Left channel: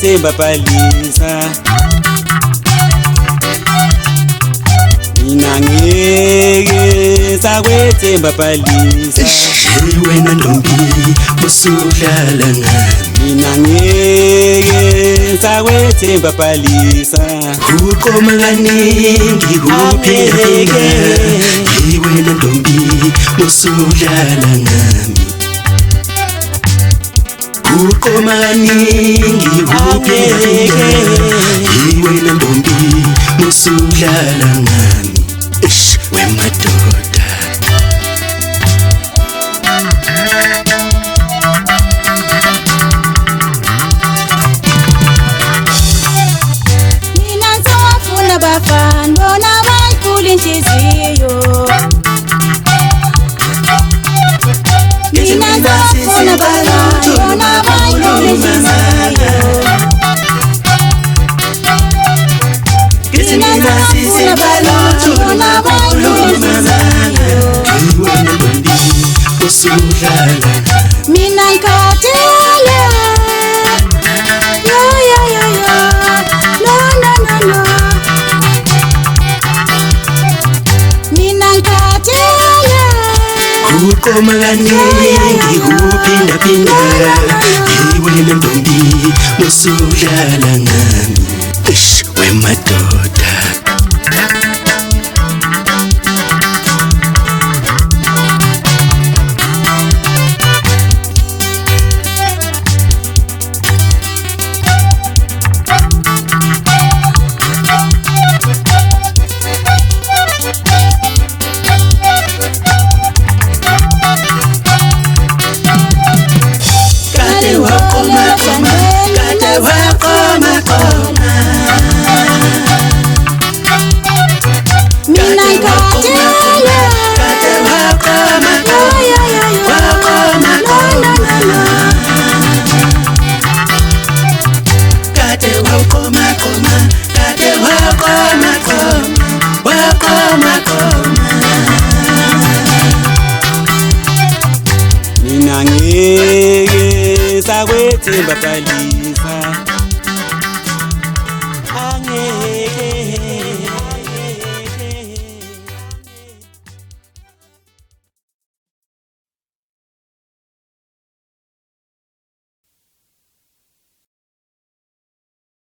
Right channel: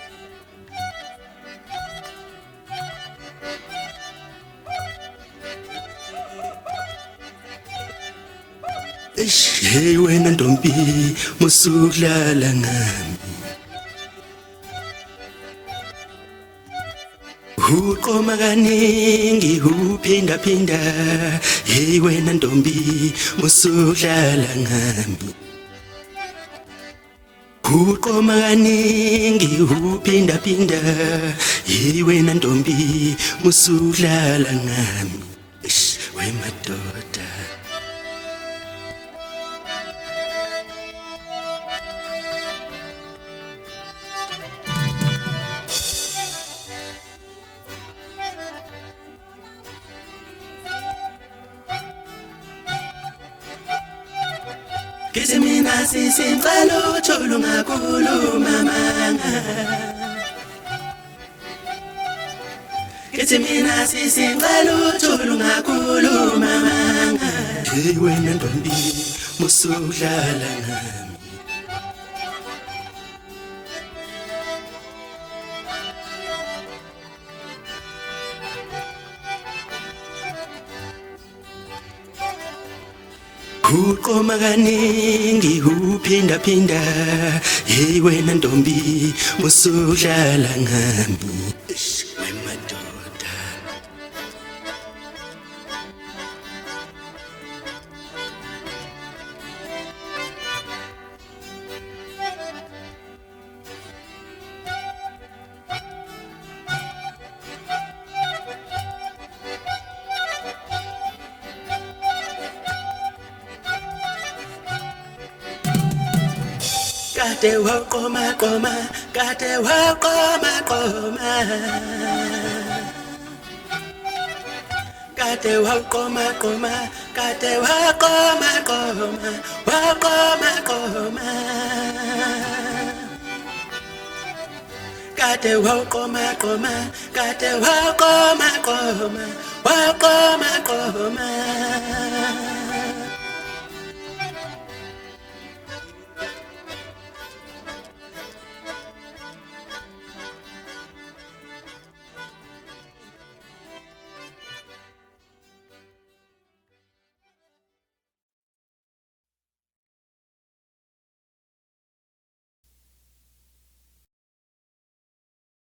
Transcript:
sakwethemba bhalisa mina ngeke sakwethemba bhalisa wena ntombi usudlala ngami mina ngeke sakwethemba bhalisa uqoma kaningi uphindaphinda wena ntombi usudlala ngami uqoma kaningi uphindaphinda wena ntombi usudlala ngami wemadoda mina ngisafuna bafana bona bayikhule inhliziyo mina ngisafuna bafana bona bayikhule inhliziyo mina ngisafuna bafana bona bayikhule inhliziyo wena ntombi usudlala mina ngikhathele uqoma kaningi uphindaphinda wena ntombi usudlala ngami wemadoda mina ngeke sakwethemba bhalisa